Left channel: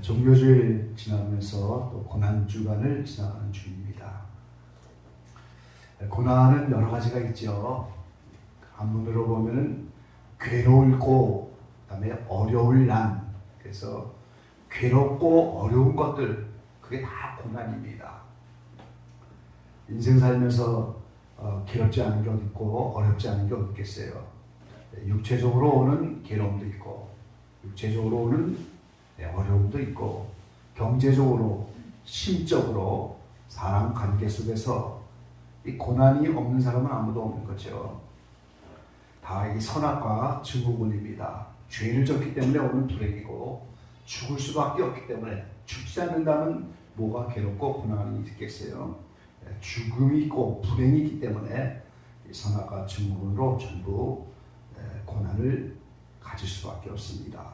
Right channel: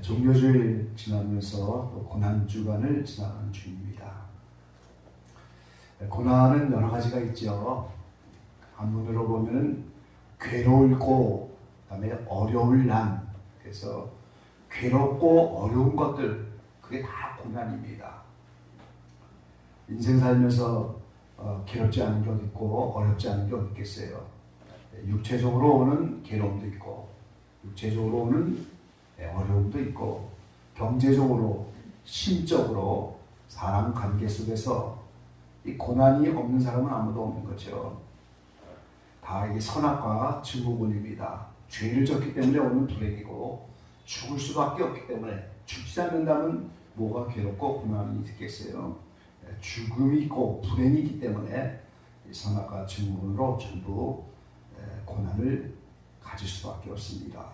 종료주일 지나면서 또 고난주간을 지나가는 중입니다. 고난은 여러 가지가 있죠. 한문으로 보면 괴로울 고, 그다음에 어려울 난. 그래서 괴롭고 어려운 것들, 그게 다 고난입니다. 인생 살면서 괴롭지 않은 게 어디 있고 어렵지 않은 게 어디 있겠어요. 육체적으로 오는 괴로움도 있고, 육체적으로 오는 어려움도 있고, 경제적으로, 심적으로 사람 관계 속에서 이 고난이 없는 사람은 아무도 없는 거죠. 다 이 선악과 증후군입니다. 죄를 졌기 때문에 오는 불행이고, 죽을 수밖에 없기 때문에, 죽지 않는다면 뭐가 괴롭고 고난이 있겠어요. 죽음이 있고 불행이 있기 때문에 이 선악과 증후군으로 전부 고난을 가질 수밖에 없습니다.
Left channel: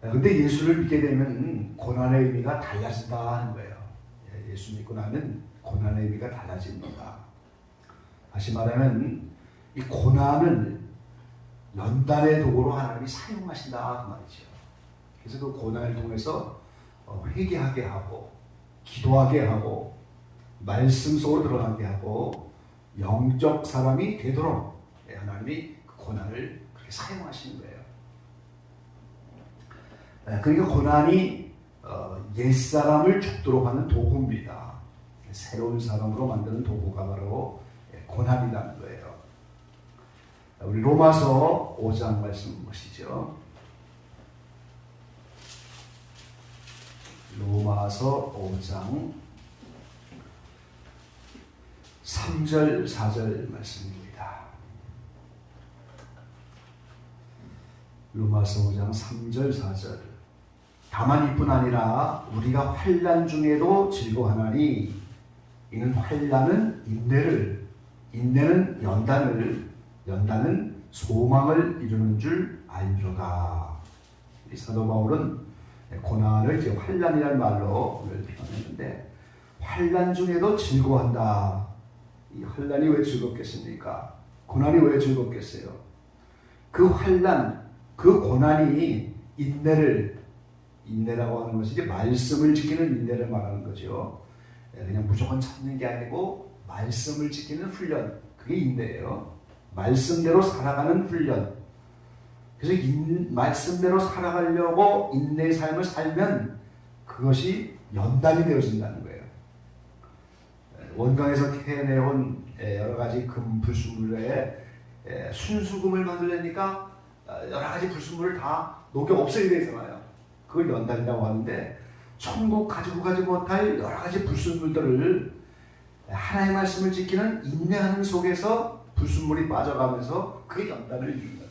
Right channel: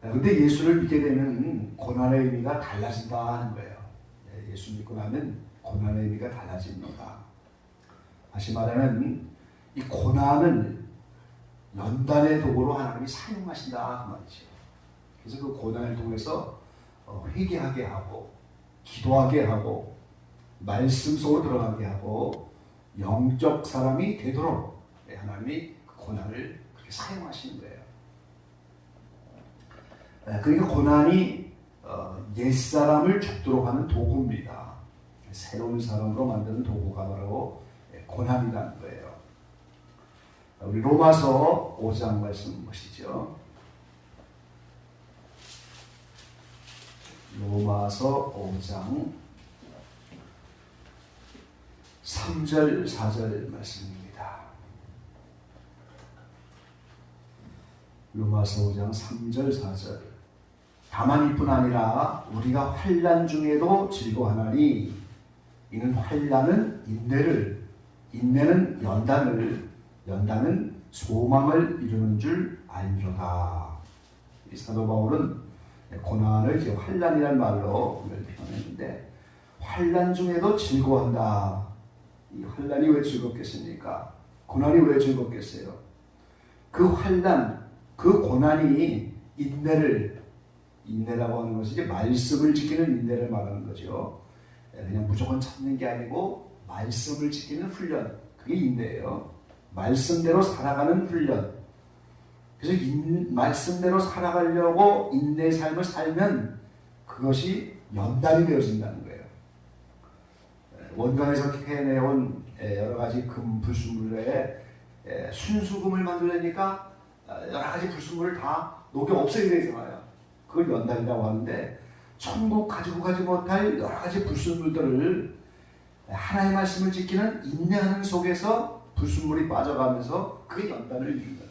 그런데 예수를 믿게 되면 고난의 의미가 달라진다 하는 거예요. 예수 믿고 나면 고난의 의미가 달라집니다. 다시 말하면 이 고난을 연단의 도구로 하나님이 사용하신다 그 말이죠. 그래서 그 고난을 통해서 회개하게 하고, 기도하게 하고, 말씀 속으로 들어가게 하고, 영적 사람이 되도록 하나님이 그 고난을 그렇게 사용하시는 거예요. 그러니까 고난이 옛사람을 죽도록 하는 도구입니다. 새로운 사람으로 만드는 도구가 바로 고난이라는 거예요. 우리 로마서 5장 말씀 보시죠. 로마서 5장 3절 4절 말씀입니다. 로마서 5장 3절 4절. 다만 이뿐 아니라 우리가 환난 중에도 즐거워하나니 이는 환난은 인내를, 인내는 연단을, 연단은 소망을 이루는 줄 알미로다. 이 사도 바울은 고난을 이제 환난이라는 말로 오늘 표현했는데, 환난 중에도 즐거워한다. 이 환난이 왜 즐겁겠습니까? 고난이 왜 즐겁겠어요? 그 환난, 그 고난이 인내라고 하는 것이 이제 말씀을 지키는 인내를 말하는 거죠. 그냥 무조건 참는 게 아니고 말씀을 지키는 훈련, 그게 인내예요. 말씀대로 살아가는 훈련. 그래서 말씀대로 살아가려고 인내의 삶을 살면 그것이 연단이 되어진다는 거예요. 원강에서 캐내온 여러 가지 금, 불순물에 순수금을 만들려니까 여러 가지 불순물을 다 녹여 없애게 되잖아요. 그걸 연단이라고 하는데, 천국 가지고 가지 못할 여러 가지 불순물들을 하나님의 말씀을 지키는 인내하는 속에서 불순물이 빠져가면서 그게 연단을 이룬다.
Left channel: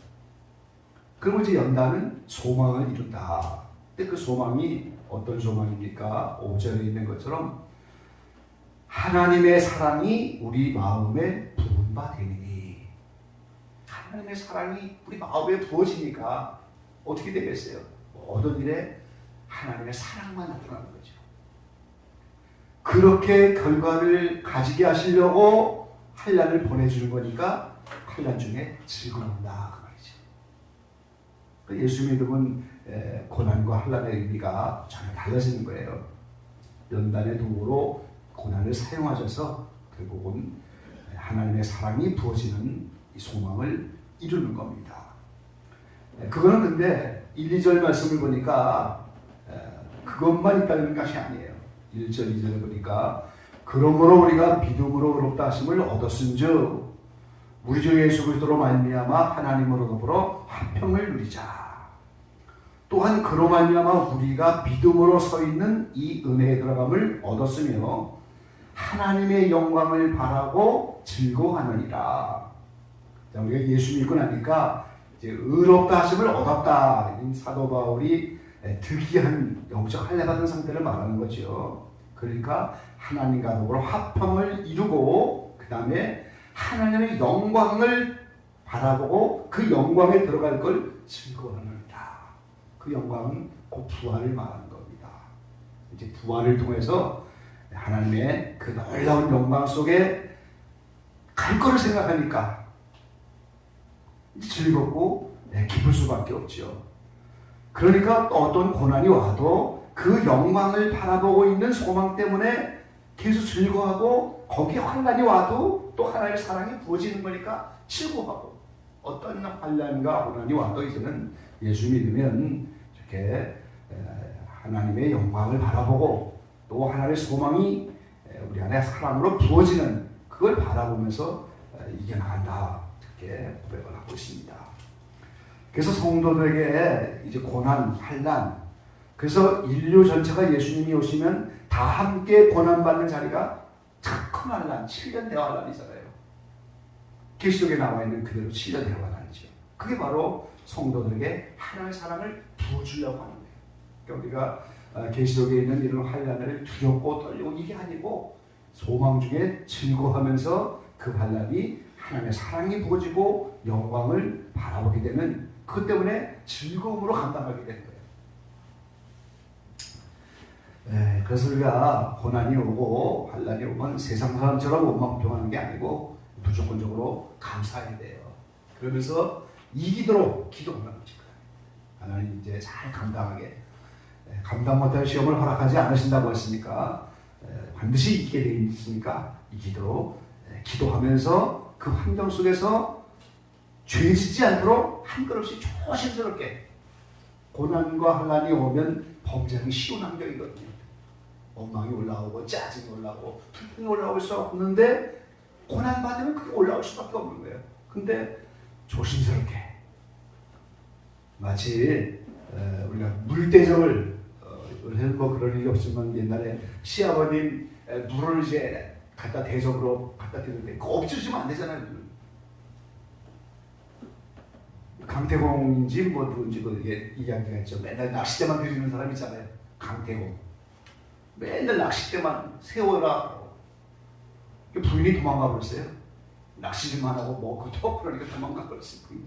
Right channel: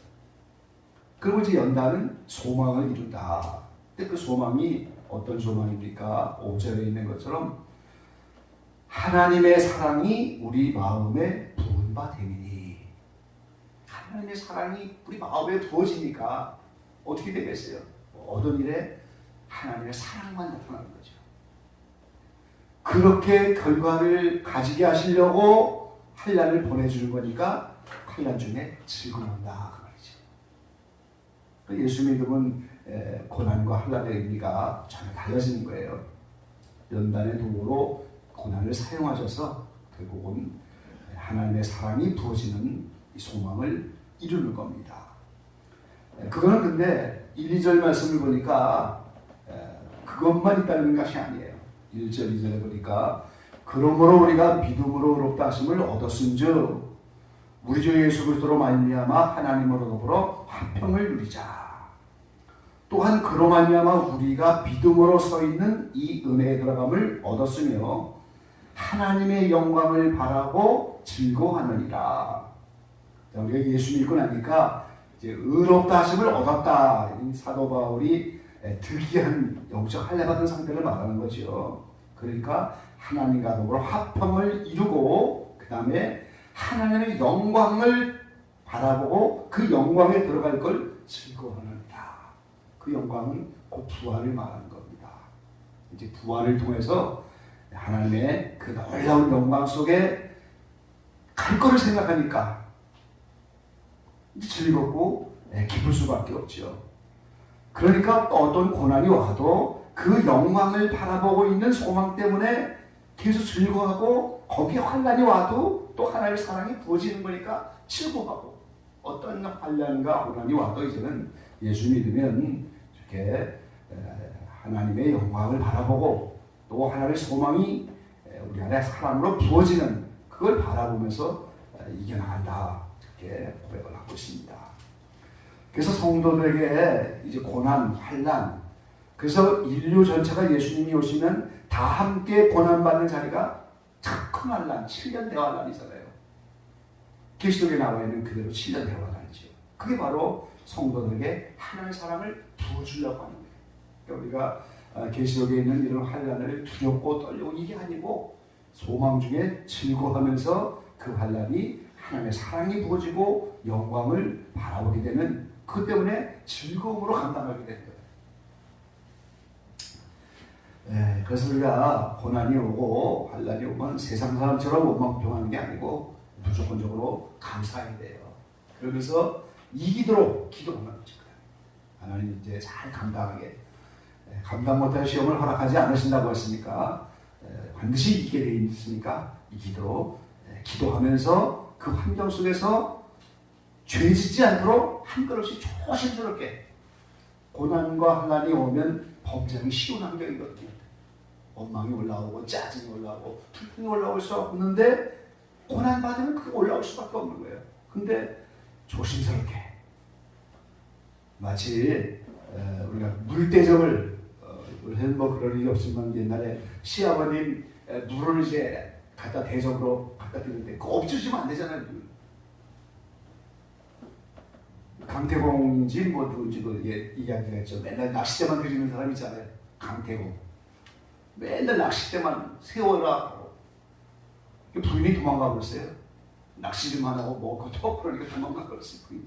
그리고 이제 연단은 소망을 이룬다. 근데 그 소망이 어떤 소망입니까? 5절에 있는 것처럼 하나님의 사랑이 우리 마음에 부은 바 되니. 하나님의 사랑이 우리 마음에 부어지니까 어떻게 되겠어요? 모든 일에 하나님의 사랑만 나타나는 거죠. 그렇게 결과를 가지게 하시려고 환난을 보내주는 거니까 환난 중에 즐거운다 그 말이죠. 예수 믿음은 고난과 환난의 의미가 전혀 달라지는 거예요. 연단의 도구로 고난을 사용하셔서 결국은 하나님의 사랑이 부어지는 이 소망을 이루는 겁니다. 그거는 근데 1, 2절 말씀을 보니까 그것만 있다는 것이 아니에요. 1절, 2절에 보니까 그러므로 우리가 믿음으로 의롭다 하심을 얻었은즉 우리 주 예수 그리스도로 말미암아 하나님으로 더불어 화평을 누리자. 또한 그로 말미암아 우리가 믿음으로 서 있는 이 은혜에 들어감을 얻었으며 하나님의 영광을 바라고 즐거워하느니라. 우리가 예수 믿고 나니까 이제 의롭다 하심을 얻었다. 사도 바울이 특이한 영적 할례받은 상태를 말하는 거죠. 그러니까 하나님과 더불어 화평을 이루고 그 다음에 하나님의 영광을 바라보고 그 영광에 들어갈 걸 즐거워하는다. 그 영광은 곧 부활을 말하는 겁니다. 이제 부활을 통해서 하나님의 그 놀라운 영광 속에 갈 거를 생각하니까 즐겁고 기쁠 수밖에 없죠. 그러니까 어떤 고난이 와도 그 영광을 바라보고 있는 소망 때문에 계속 즐거워하고, 거기에 환난이 와도 또 하나님의 사랑이 부어지는 거니까 즐거워하고, 어떤 환난과 고난이 와도 이제는 예수 믿으면 이렇게 하나님의 영광을 바라보고 또 하나님의 소망이 우리 안에 사랑으로 부어지는, 그걸 바라보면서 이겨나간다, 이렇게 고백을 하고 있습니다. 그래서 성도들에게 이제 고난, 환난, 그래서 인류 전체가 예수님이 오시면 다 함께 고난받는 자리가 큰 환난, 7년 대환난이잖아요. 계시록에 나와 있는 그대로 7년 대환난이죠. 그게 바로 성도들에게 하나님의 사랑을 부어주려고 하는 거예요. 그러니까 우리가 계시록에 있는 이런 환난을 두렵고 떨리고 이게 아니고, 소망 중에 즐거워하면서 그 환난이 하나님의 사랑이 부어지고 영광을 바라보게 되는, 그것 때문에 즐거움으로 감당하게 되는 거예요. 네, 그래서 우리가 고난이 오고 환난이 오면 세상 사람처럼 원망평하는 게 아니고 무조건적으로 감사해야 돼요. 그러면서 이기도록 기도하는 거지. 하나님 이제 잘 감당하게, 감당 못할 시험을 허락하지 않으신다고 했으니까 반드시 이기게 되어 있으니까 이기도록 기도하면서 그 환경 속에서 죄 짓지 않도록 한 걸음씩 조심스럽게. 고난과 환난이 오면 범죄하기 쉬운 환경이거든요. 원망이 올라오고 짜증이 올라오고 불평이 올라올 수 없는데, 고난 받으면 그게 올라올 수밖에 없는 거예요. 근데 조심스럽게, 마치 우리가 물대접을, 요새는 뭐 그런 일이 없지만 옛날에 시아버님 물을 이제 갖다 대접으로 갖다 드리는데 그거 엎질러주면 안 되잖아요. 강태공인지 뭐 누군지 그 이야기가 있죠. 맨날 낚싯대만 드리는 사람 있잖아요. 강태공. 맨날 낚싯대만 세워라고. 부인이 도망가 버렸어요. 낚시 좀 하라고 먹고도, 그러니까 도망가 버렸어요, 부인이.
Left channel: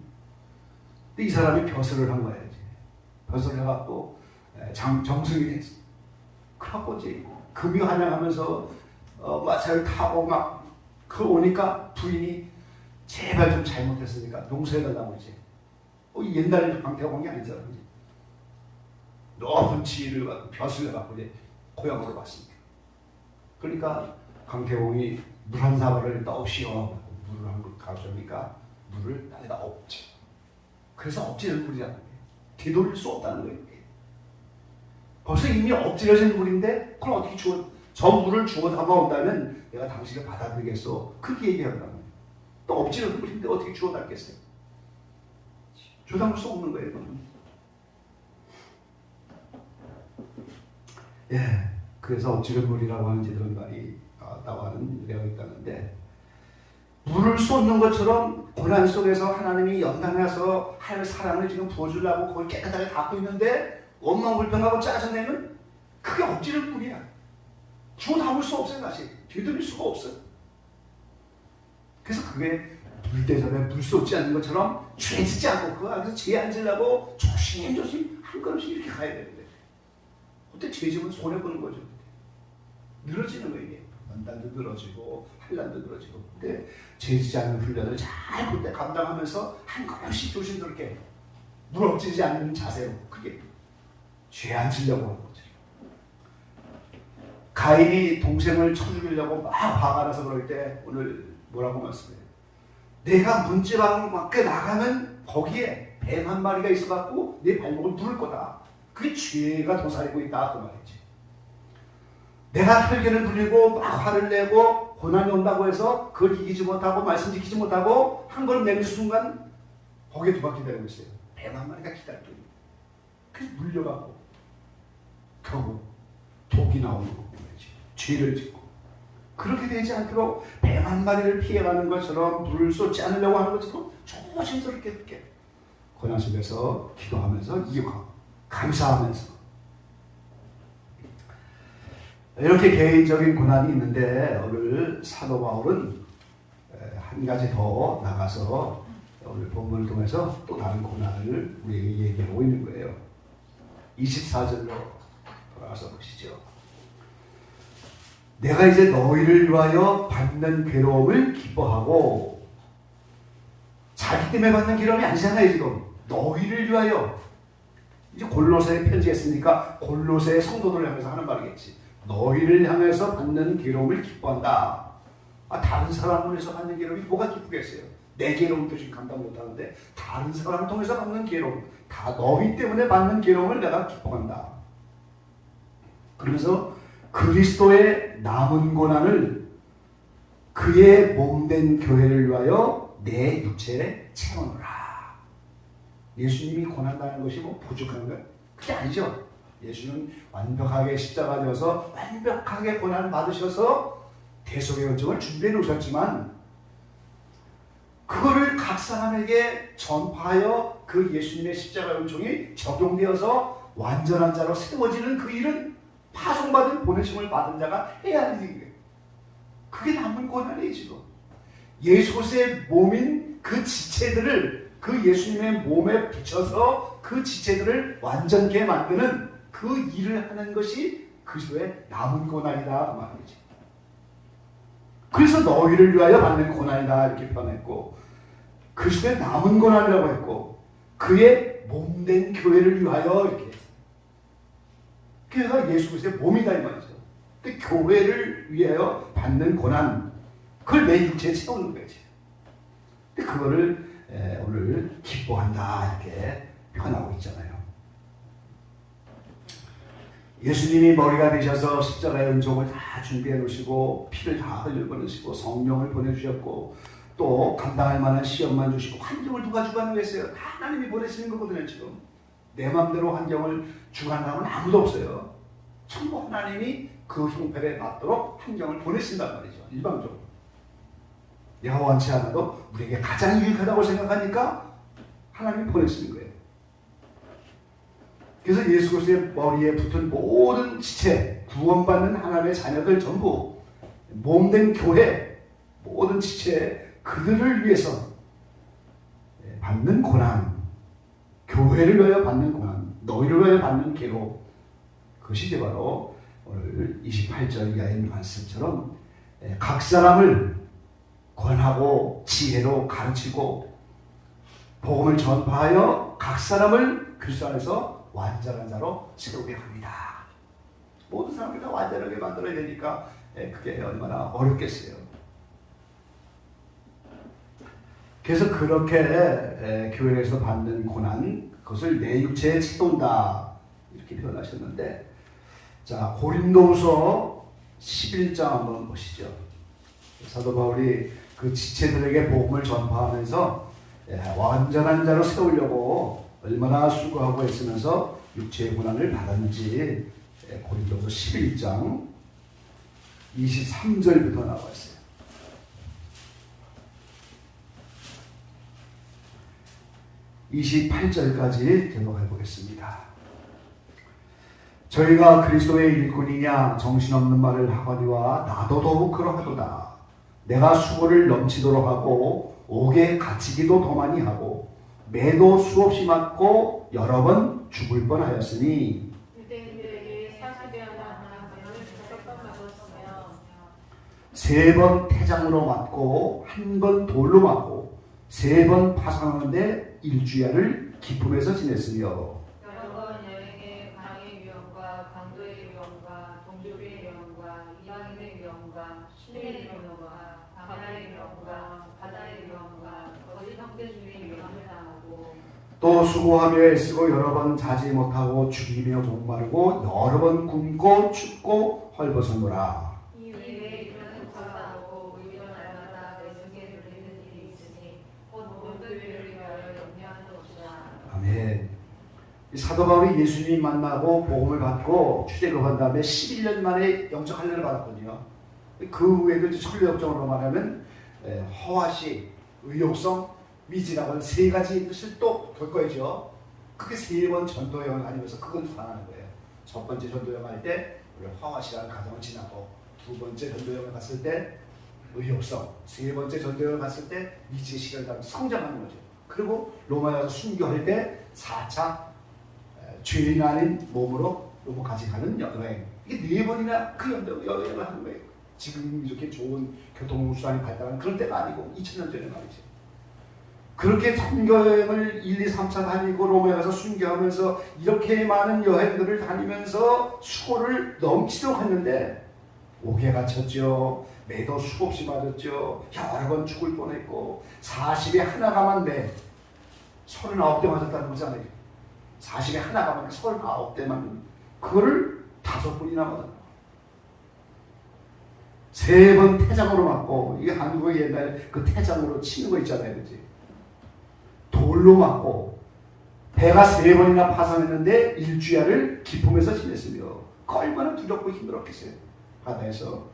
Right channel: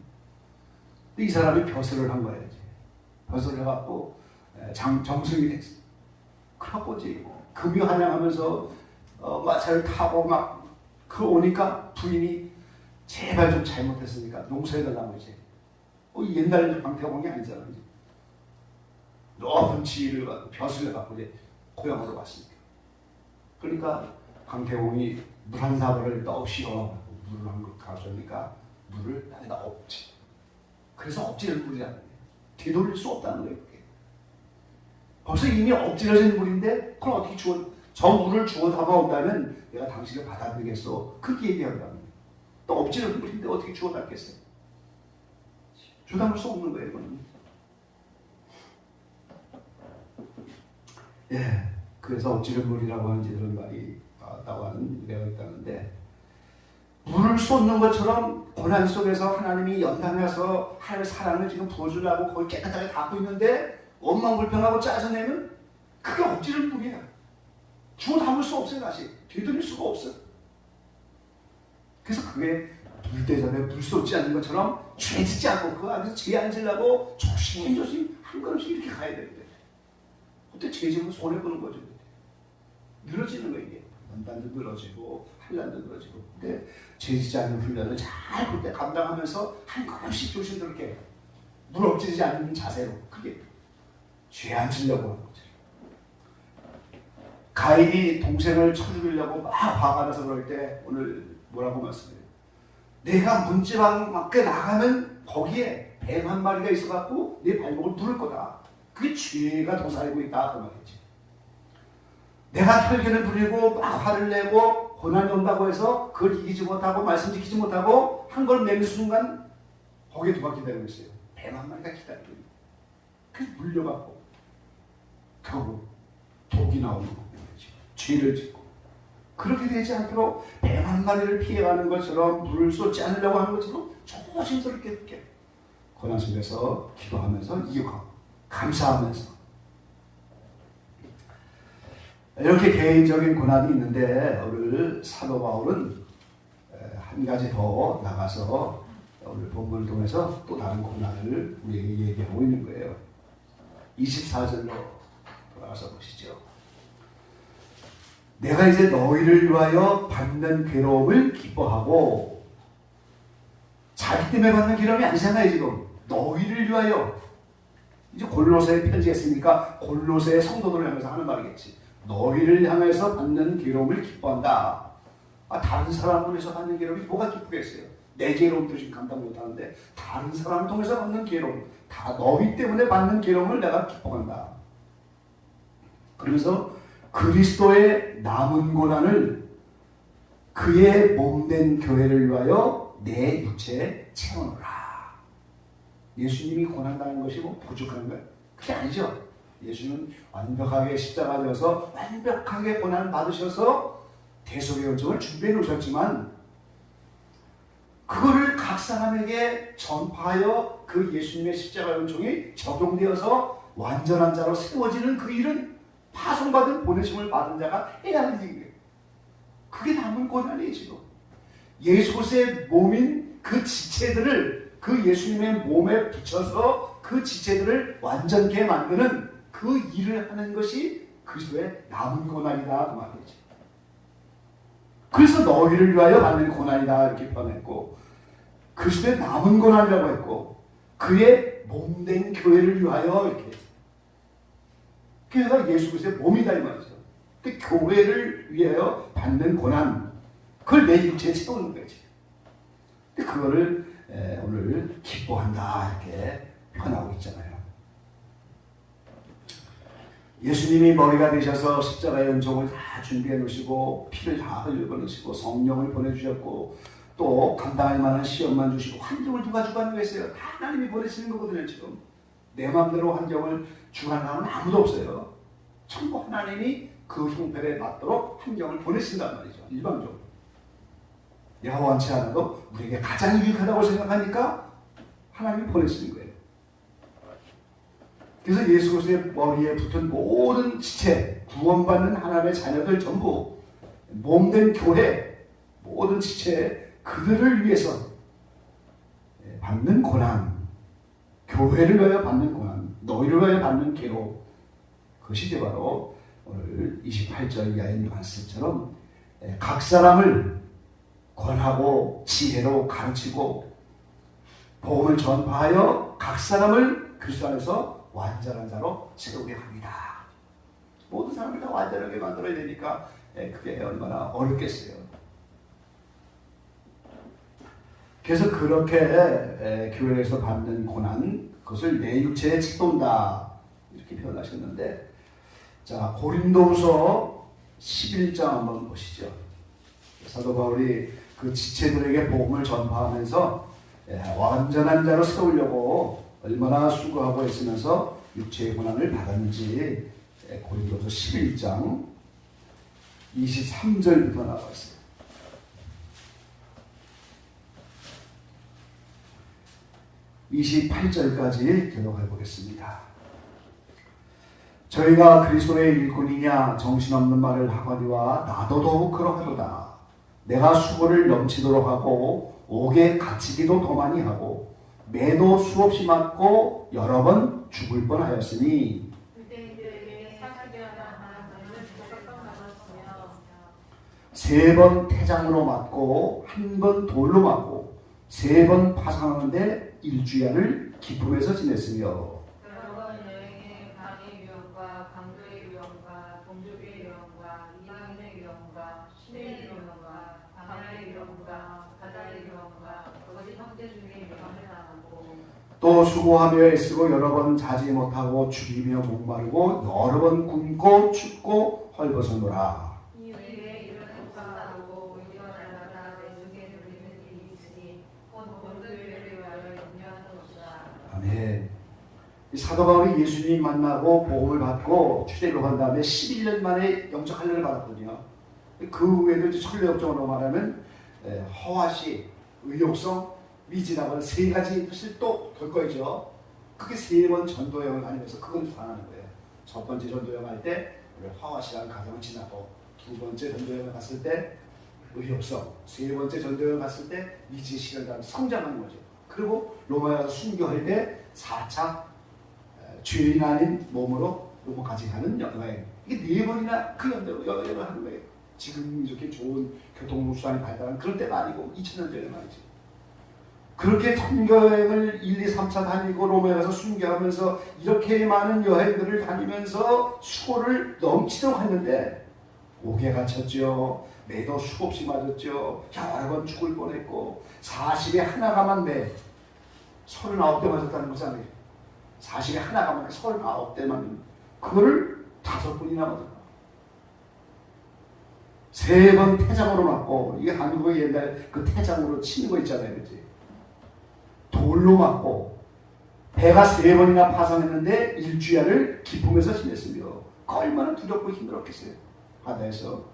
근데 이 사람이 벼슬을 한 거예요. 이제. 벼슬을 해갖고 정승이 됐어요. 그래갖고 이제 금이 환영하면서 마차를 타고 막 오니까 부인이 제발 좀 잘못했으니까 용서해달라고 이제. 옛날 강태공이 아니잖아요. 높은 지위를 갖고 벼슬을 갖고 이제 고향으로 왔습니다. 그러니까 강태공이 물 한 사발을 떠오시어 물을 한 그릇 가져오니까 물을 땅에다 엎지. 그래서 엎지는 물이라는 거예요. 되돌릴 수 없다는 거예요. 벌써 이미 엎질러진 물인데 그걸 어떻게 저 물을 주워 담아온다면 내가 당신을 받아들이겠어, 그렇게 얘기하더라고요. 또 엎질러진 물인데 어떻게 주워 담겠어요? 주워 담을 수 없는 거예요, 이거는. 예, 그래서 엎질러진 물이라고 하는 이런 말이 나와는 내용이 있다는데, 물을 쏟는 것처럼 고난 속에서 하나님이 연단해서 하나님의 사랑을 지금 부어주려고 거의 깨끗하게 닦고 있는데, 원망불평하고 짜증내면 그게 엎질러진 물이야. 주워 담을 수 없어요. 다시 되돌릴 수가 없어요. 그래서 그게 물대접에 물 쏟지 않는 것처럼 죄 짓지 않고 그 안에서 죄 안 지려고 조심조심 한 걸음씩 이렇게 가야 되는 거예요. 그때 죄 지면 손해보는 거죠. 늘어지는 거예요. 이게 연단도 늘어지고 환난도 늘어지고. 근데 죄 짓지 않는 훈련을 잘 그때 감당하면서 한 걸음씩 조심스럽게 물 엎지르지 않는 자세로, 그게 죄 안 지려고 하는 거죠. 가인이 동생을 쳐 죽이려고 막 화가 나서 그럴 때 오늘 뭐라고 말씀해요? 내가 문지방 밖에 나가면 거기에 뱀 한 마리가 있어갖고 내 발목을 물을 거다. 그게 죄가 도사리고 있다, 그 말이지. 내가 혈견을 부리고 막 화를 내고 고난이 온다고 해서 그걸 이기지 못하고 말씀 지키지 못하고 한 걸 내는 순간 거기에 누가 기다리고 있어요? 뱀 한 마리가 기다리고 있어요. 그래서 물려갖고 결국 독이 나오는 거죠. 죄를 짓고. 그렇게 되지 않도록 뱀 한 마리를 피해가는 것처럼, 물을 쏟지 않으려고 하는 것처럼 조심스럽게 이렇게 고난 속에서 기도하면서 이기고 감사하면서, 이렇게 개인적인 고난이 있는데, 오늘 사도 바울은 한 가지 더 나가서 오늘 본문을 통해서 또 다른 고난을 우리에게 얘기하고 있는 거예요. 24절로 돌아가서 보시죠. 내가 이제 너희를 위하여 받는 괴로움을 기뻐하고, 자기 때문에 받는 괴로움이 아니잖아요. 지금 너희를 위하여, 이제 골로새에 편지했으니까 골로새 성도들을 향해서 하는 말이겠지. 너희를 향해서 받는 괴로움을 기뻐한다. 다른 사람을 통해서 받는 괴로움이 뭐가 기쁘겠어요? 내 괴로움도 지금 감당 못하는데 다른 사람을 통해서 받는 괴로움, 다 너희 때문에 받는 괴로움을 내가 기뻐한다. 그러면서 그리스도의 남은 고난을 그의 몸된 교회를 위하여 내 육체에 채우노라. 예수님이 고난당하는 것이 뭐 부족한 것? 그게 아니죠. 예수는 완벽하게 십자가 져서 완벽하게 고난 받으셔서 대속의 은총을 준비해 놓으셨지만 그거를 각 사람에게 전파하여 그 예수님의 십자가 은총이 적용되어서 완전한 자로 세워지는 그 일은 파송받은 보내심을 받은 자가 해야 하는 일이에요. 그게 남은 고난이에요. 지금 예수 그리스도의 몸인 그 지체들을 그 예수님의 몸에 붙여서 그 지체들을 완전케 만드는 그 일을 하는 것이 그리스도의 남은 고난이다 그 말이지. 그래서 너희를 위하여 받는 고난이다 이렇게 표현했고, 그리스도의 남은 고난이라고 했고, 그의 몸된 교회를 위하여 이렇게 했어요. 그래서 예수 그리스도의 몸이다 이 말이죠. 근데 교회를 위하여 받는 고난, 그걸 내 육체에 채우는 거지. 근데 그거를 오늘 기뻐한다 이렇게 표현하고 있잖아요. 예수님이 머리가 되셔서 십자가의 은총을 다 준비해 놓으시고 피를 다 흘려 놓으시고 성령을 보내주셨고 또 감당할 만한 시험만 주시고, 환경을 누가 주관하고 있어요? 다 하나님이 보내시는 거거든요. 지금 내 마음대로 환경을 주관하는 사람은 아무도 없어요. 전부 하나님이 그 형편에 맞도록 환경을 보내신단 말이죠. 일방적으로 내가 원치 않아도 우리에게 가장 유익하다고 생각하니까 하나님이 보내시는 거예요. 그래서 예수 그리스도의 머리에 붙은 모든 지체, 구원받는 하나님의 자녀들 전부, 몸된 교회, 모든 지체, 그들을 위해서 받는 고난, 교회를 위하여 받는 고난, 너희를 위하여 받는 괴로움, 그것이 이제 바로 오늘 28절 이하의 말씀처럼 각 사람을 권하고 지혜로 가르치고 복음을 전파하여 각 사람을 그리스도 안에서 완전한 자로 세우게 합니다. 모든 사람을 다 완전하게 만들어야 되니까 그게 얼마나 어렵겠어요. 그래서 그렇게 교회에서 받는 고난, 그것을 내 육체에 채운다 이렇게 표현하셨는데, 자 고린도후서 11장 한번 보시죠. 사도 바울이 그 지체들에게 복음을 전파하면서 완전한 자로 세우려고 얼마나 수고하고 있으면서 육체의 고난을 받았는지 고린도서 11장 23절부터 나와 있어요. 28절까지 들어가 보겠습니다. 저희가 그리스도의 일꾼이냐 정신없는 말을 하거니와 나도 더욱 그러하도다. 내가 수고를 넘치도록 하고 옥에 갇히기도 더 많이 하고 매도 수없이 맞고 여러 번 죽을 뻔하였으니 세 번 태장으로 맞고 한 번 돌로 맞고 세 번 파상하는데 일주일을 기쁨에서 지냈으며 또 수고하며 애쓰고 여러 번 자지 못하고 죽이며 목마르고 여러 번 굶고 춥고 헐벗어노라. 아멘. 사도 바울이 예수님 만나고 복음을 받고 출애굽한 다음에 11년 만에 영적 할례를 받았거든요. 그 후에도 천례역정으로 말하면 허와시, 의욕성, 미지라고 하는 세 가지 뜻을 또 볼 거죠. 그게 세 번 전도여행을 다니면서 그건 불안하는 거예요. 첫 번째 전도여행 할 때 우리 화와시라는 가정을 지나고, 두 번째 전도여행을 갔을 때 의욕성, 세 번째 전도여행을 갔을 때 미지 시간 다음 성장하는 거죠. 그리고 로마에 가서 순교할 때 4차 죄인 아닌 몸으로 로마까지 가는 여행, 이게 네 번이나 그 여행을 하는 거예요. 지금 이렇게 좋은 교통수단이 발달한 그런 때가 아니고 2000년 전에 말이죠. 그렇게 선교여행을 1, 2, 3차 다니고 로마에 가서 순교하면서 이렇게 많은 여행들을 다니면서 수고를 넘치도록 했는데 옥에 갇혔죠. 매도 수없이 맞았죠. 여러 번 죽을 뻔했고 40에 하나 가만 매 39대 맞았다는 거잖아요. 40에 하나 가만 39대만 그거를 5번이나 맞았다. 3번 태장으로 맞고 이게 한국의 옛날 그 태장으로 치는 거 있잖아요. 그치? 돌로 맞고 배가 3번이나 파산했는데 일주일을 기쁨에서 지냈으며 얼마나 두렵고 힘들었겠어요. 바다에서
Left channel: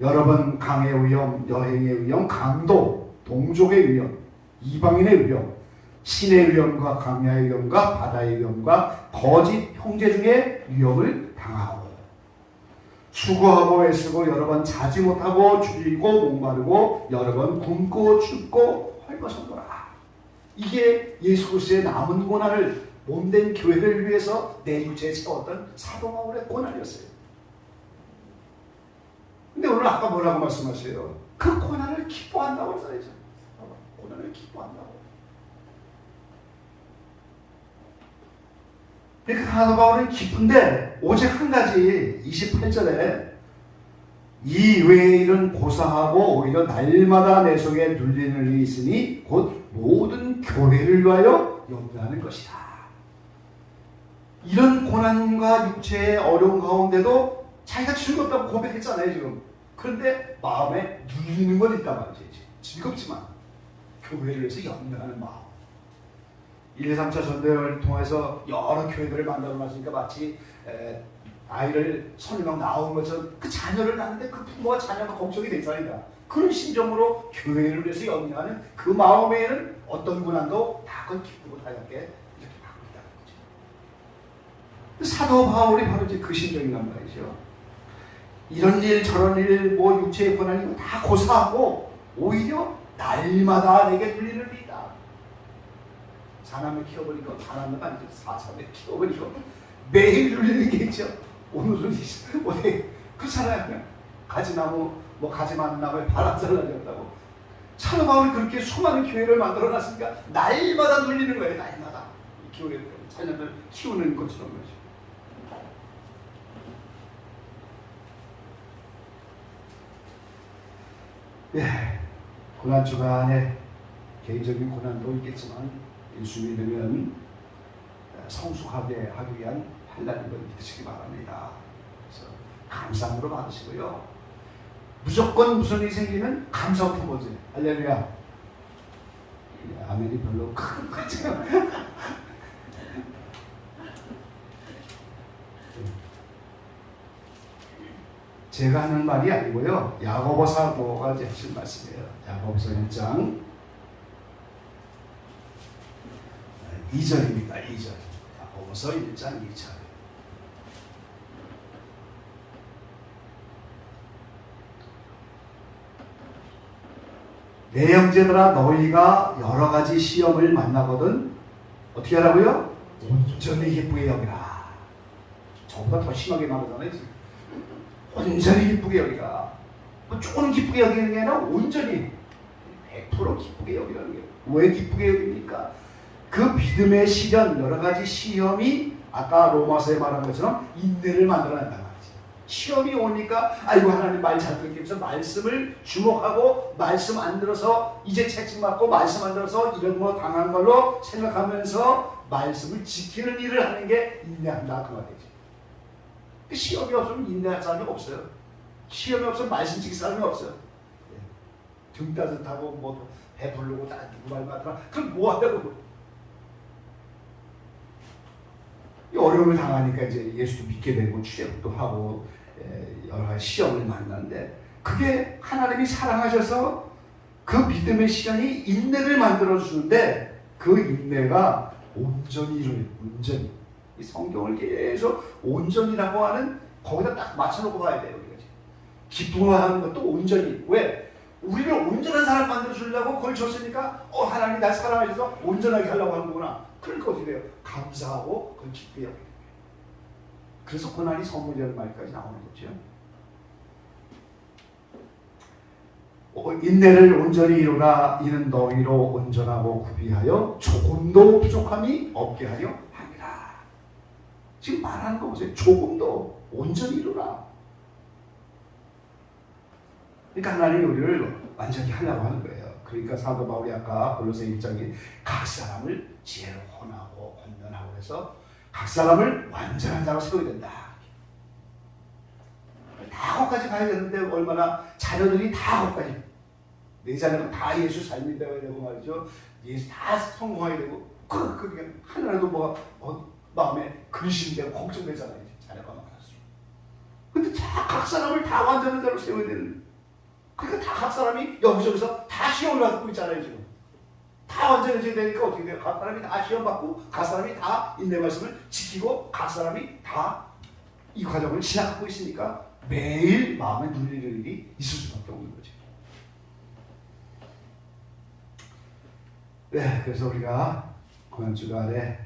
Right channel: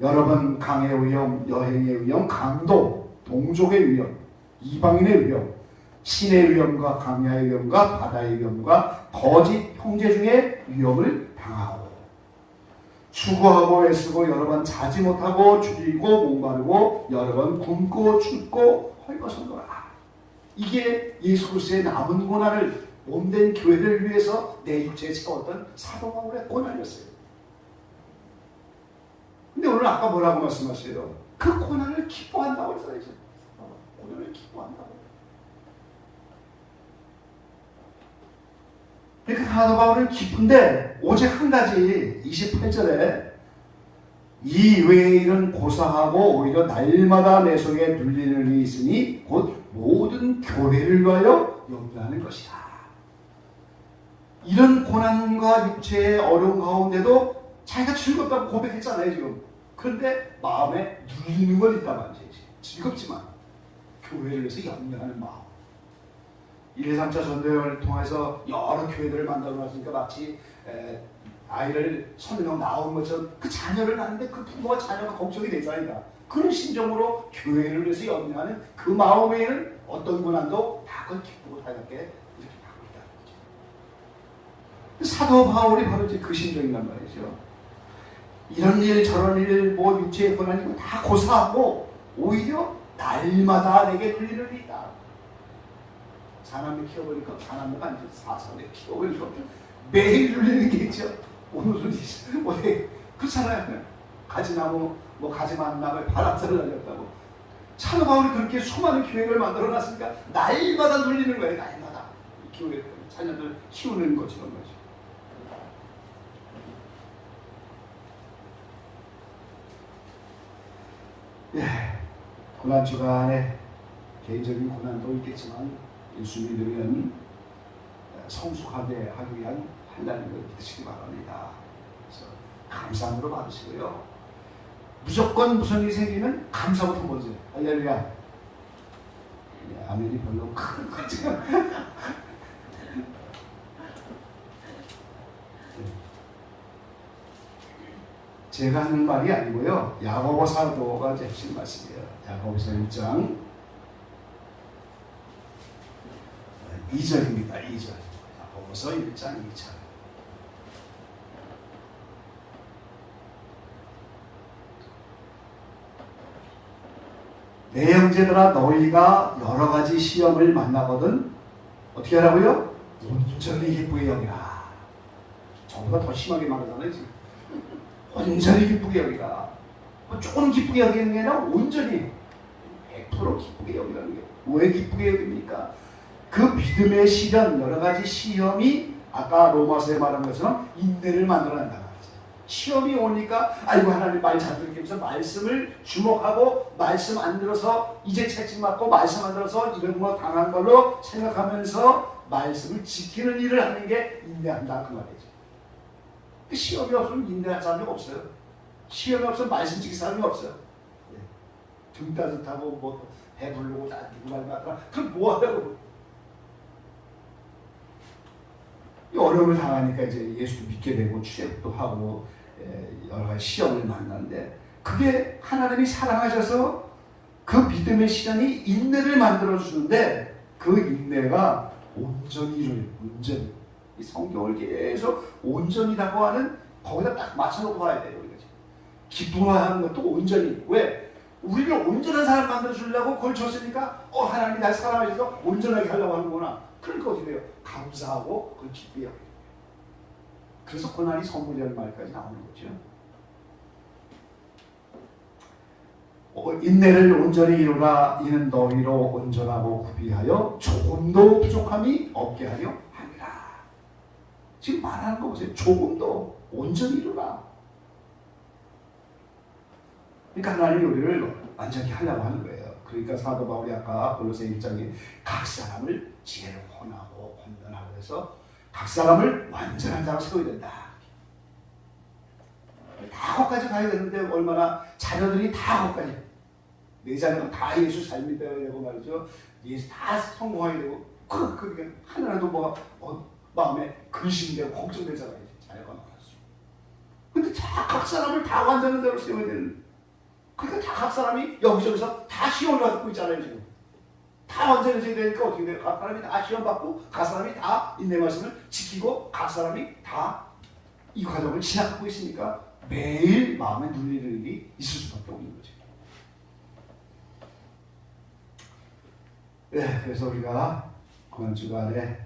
여러 번 강의 위험, 여행의 위험, 강도, 동족의 위험, 이방인의 위험, 신의 위험과 강야의 위험과 바다의 위험과 거짓 형제 중에 위험을 당하고 수고하고 애쓰고 여러 번 자지 못하고 줄이고 목마르고 여러 번 굶고 춥고 헐벗어노라. 이게 예수 그리스도의 남은 고난을 몸된 교회를 위해서 내 육체에 채웠던 사도 바울의 고난이었어요. 근데 오늘 아까 뭐라고 말씀하세요? 그 고난을 기뻐한다고 써야죠. 고난을 기뻐한다고. 그러니까 사도 바울은 기쁜데 오직 한 가지 28절에 이 외의 일은 고사하고 오히려 날마다 내 속에 눌리는 일이 있으니 곧 모든 교회를 위하여 염려하는 것이다. 이런 고난과 육체의 어려운 가운데도 자기가 즐겁다고 고백했잖아요 지금. 그런데 마음에 눌리는 건 있단 말이지. 즐겁지만 교회를 위해서 염려하는 마음. 1, 3차 전도여행을 통해서 여러 교회들을 만들어 놨으니까 마치 아이를 10명 낳은 것처럼 그 자녀를 낳는데 그 부모와 자녀가 걱정이 되잖아요. 그런 심정으로 교회를 위해서 염려하는 그 마음에는 어떤 고난도 다 그걸 기쁘고 다양하게 이렇게 받고 있다는 거죠. 사도 바울이 바로 이제 그 심정이란 말이죠. 이런 일 저런 일 뭐 육체의 고난이고 다 고사하고 오히려 날마다 내게 눌리는 일이 있다. 자남을 키워보니까 자남을 아니죠. 4차원에 키워보니까 매일 눌리는 게 있죠. 오늘은 그렇잖아요. 가지나무 뭐 가지 많은 나무에 바람살 날렸다고. 사도 바울이 그렇게 수많은 교회를 만들어놨으니까 날마다 눌리는 거예요. 날마다 이 교회를 자녀들 키우는 것처럼 말이죠. 예, 고난 주간에 개인적인 고난도 있겠지만 예수 믿으면 성숙하게 하기 위한 한다는 걸 믿으시기 바랍니다. 그래서 감사함으로 받으시고요. 무조건 무슨 일이 생기면 감사부터 먼저. 할렐루야. 아멘이 별로 큰 거죠. 제가 하는 말이 아니고요. 야고보 사도가 하신 말씀이에요. 야고보서 1장 2절입니다. 2절. 야고보서 1장 2절. 내 형제들아 너희가 여러 가지 시험을 만나거든 어떻게 하라고요? 온전히 기쁘게 여기라. 저보다 더 심하게 말하잖아요 지금. 온전히 기쁘게 여기라. 조금 기쁘게 여기는 게 아니라 온전히 100% 기쁘게 여기라는 게. 왜 기쁘게 여깁니까? 그 믿음의 시련, 여러 가지 시험이 아까 로마서에 말한 것처럼 인내를 만들어낸다 말이죠. 시험이 오니까 아이고 하나님 말 잘 듣겠면서 말씀을 주목하고 말씀 안 들어서 이제 채찍맞고 말씀 안 들어서 이런 뭐 당한 걸로 생각하면서 말씀을 지키는 일을 하는 게 인내한다 그 말이죠. 그 시험이 없으면 인내할 사람이 없어요. 시험이 없으면 말씀 지킬 사람이 없어요. 등 따뜻하고 뭐 배부르고 다 누구 말 맞더라. 그럼 뭐 하려고? 어려움을 당하니까 이제 예수도 믿게 되고 출애굽도 하고 여러 가지 시험을 만나는데 그게 하나님이 사랑하셔서 그 믿음의 시간이 인내를 만들어 주는데 그 인내가 온전히 이루어요. 온전히. 이 성경을 계속 온전이라고 하는 거기다 딱 맞춰놓고 봐야 돼요. 우리가 기쁨하는 것도 온전히. 왜? 우리를 온전한 사람 만들어 주려고 그걸 줬으니까 하나님이 날 사랑하셔서 온전하게 하려고 하는구나. 그러니까 어떻게 돼요? 감사하고 그걸 기쁘게 여겨요. 그래서 고난이 선물이라는 말까지 나오는 거죠. 인내를 온전히 이루라. 이는 너희로 온전하고 구비하여 조금도 부족함이 없게 하려 함이라. 지금 말하는 거 보세요. 조금도 온전히 이루라. 그러니까 하나님이 우리를 완전히 하려고 하는 거예요. 그러니까 사도 바울이 아까 골로새 1장에 각 사람을 지혜로 혼하고 권면하고 해서 각 사람을 완전한 자로 세워야 된다. 다 거기까지 가야 되는데 얼마나 자녀들이 다 거기까지 내 자녀가 다 예수 잘 믿어야 되고 말이죠. 예수 다 성공하게 되고 그러니까 하나라도 뭐가 마음에 근심되고 걱정되잖아요. 자녀가 많아서. 근데 다 각 사람을 다 완전한 자로 세워야 되는. 그러니까 다 각 사람이 여기저기서 다 시험을 받고 있잖아요. 지금 다 완전해져야 되니까 어떻게 돼요? 각 사람이 다 시험 받고 각 사람이 다 인내 말씀을 지키고 각 사람이 다 이 과정을 지나가고 있으니까 매일 마음에 눌리는 일이 있을 수밖에 없는 거죠. 네, 그래서 우리가 고난주간에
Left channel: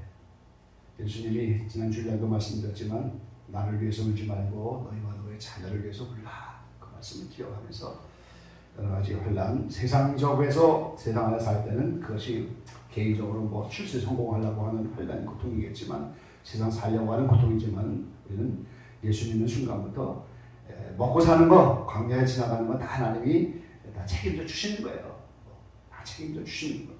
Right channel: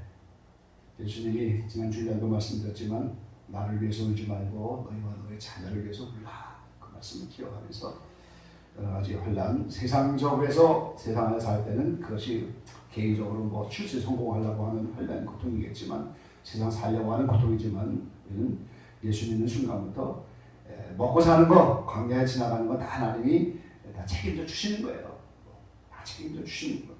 예수님이 지난 주일날도 말씀드렸지만 나를 위해서 울지 말고 너희와 너의 자녀를 위해서 울라. 그 말씀을 기억하면서 여러 가지 혼란, 세상적에서 세상 안에 살 때는 그것이 개인적으로 뭐 출세 성공하려고 하는 혼란, 고통이겠지만 세상 살려고 하는 고통이지만 우리는 예수 믿는 순간부터 먹고 사는 거, 광야에 지나가는 거 다 하나님이 다 책임져 주시는 거예요. 다 책임져 주시는 거예요.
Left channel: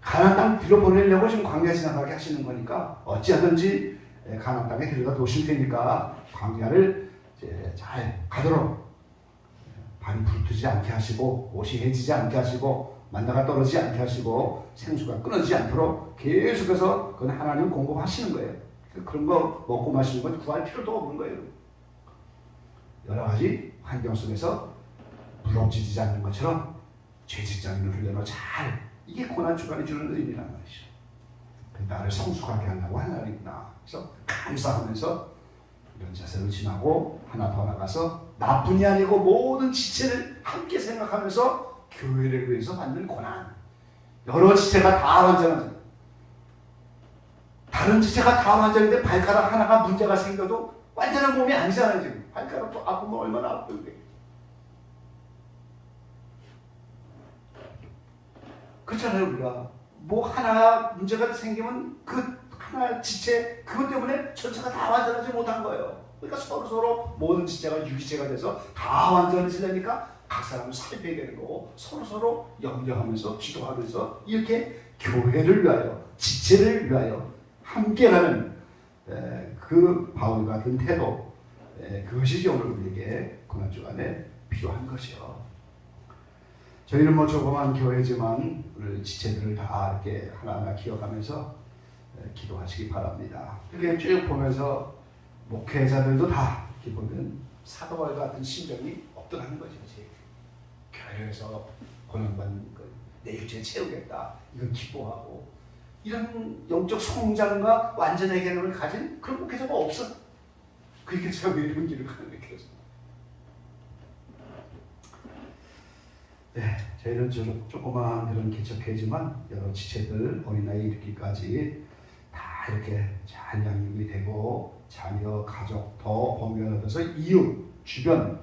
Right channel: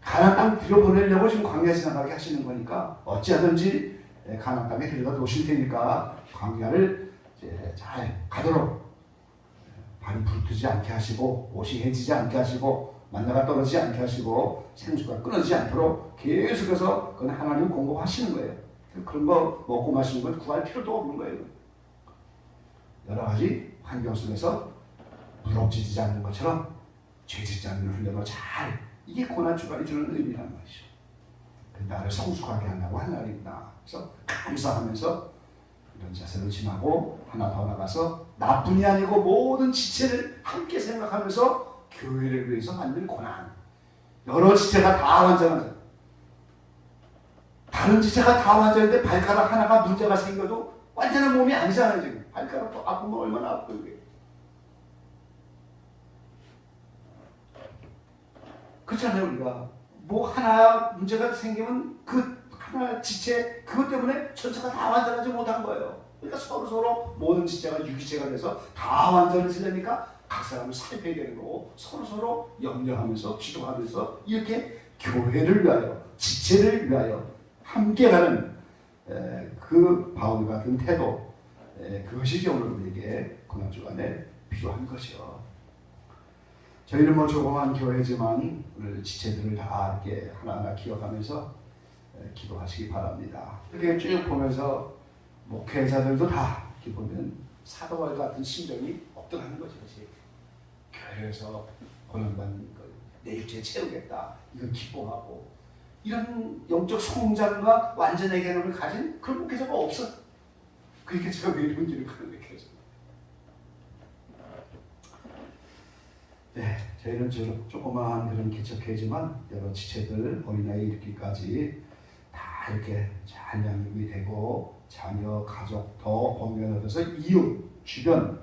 가나안 땅 들여보내려고 지금 광야에 지나가게 하시는 거니까 어찌하든지 가나안 땅에 들여다 놓으실 테니까 광야를 이제 잘 가도록 발이 부르지 않게 하시고 옷이 해지지 않게 하시고 만나가 떨어지지 않게 하시고 생수가 끊어지지 않도록 계속해서 그건 하나님 공급하시는 거예요. 그런 거 먹고 마시는 건 구할 필요도 없는 거예요. 여러 가지 환경 속에서 무너지지 않는 것처럼 죄직장을 훈련을 잘 이게 고난주간이 주는 의미란 말이죠. 나를 성숙하게 하려고 하나님이구나. 그래서 감사하면서 이런 자세를 지나고 하나 더 나가서 나뿐이 아니고 모든 지체를 함께 생각하면서 교회를 위해서 받는 고난. 여러 지체가 다 완전한 자. 다른 지체가 다 완전한데 발가락 하나가 문제가 생겨도 완전한 몸이 아니잖아요. 지금 발가락도 아프면 얼마나 아프게 돼요. 그렇잖아요. 우리가 뭐 하나 문제가 생기면 그 하나 지체 그것 때문에 전체가 다 완전하지 못한 거예요. 그러니까 서로 모든 지체가 유기체가 돼서 다 완전해지려니까 각 사람을 살펴야 되는 거고 서로 염려하면서 기도하면서 이렇게 교회를 위하여 지체를 위하여 함께 가는 그 바울 같은 태도 그것이 오늘 우리에게 고난주간에 필요한 것이요. 저희는 뭐 조그만 교회지만 오늘 지체들을 다 이렇게 하나하나 기억하면서 기도하시기 바랍니다. 이렇게 쭉 보면서 목회자들도 다 이렇게 보면 사도바울 같은 심정이 없더라는 거죠. 교회에서 고난받는 걸 내 육체에 채우겠다. 이건 기뻐하고 이런 영적 성장과 완전의 개념을 가진 그런 목회자가 없어. 그렇게 제가 왜 이런 길을 가는 거예요. 네, 저희는 조그마한 그런 개척회지만 여러 지체들 어린아이 이르기까지 다 이렇게 잘 양육이 되고 자녀, 가족 더 번변 얻어서 이웃, 주변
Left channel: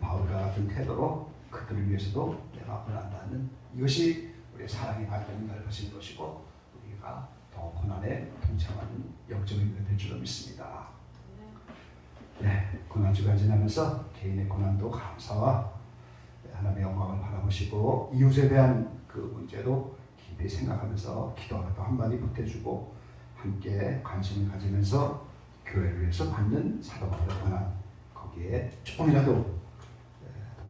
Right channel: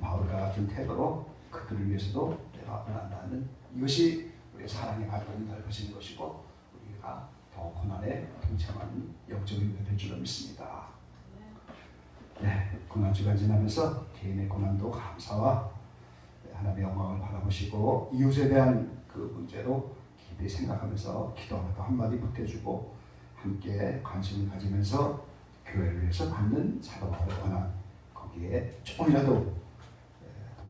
바울과 같은 태도로 그들을 위해서도 내가 고난받는 이것이 우리의 사랑의 발전이 넓어지는 것이고 우리가 더 고난에 동참하는 영적인 의미가 될 줄로 믿습니다. 네, 고난주간 지나면서 개인의 고난도 감사와 하나님의 영광을 바라보시고 이웃에 대한 그 문제도 깊이 생각하면서 기도하다 한마디 보태주고 함께 관심을 가지면서 교회를 위해서 받는 사도바울의 고난 거기에 조금이라도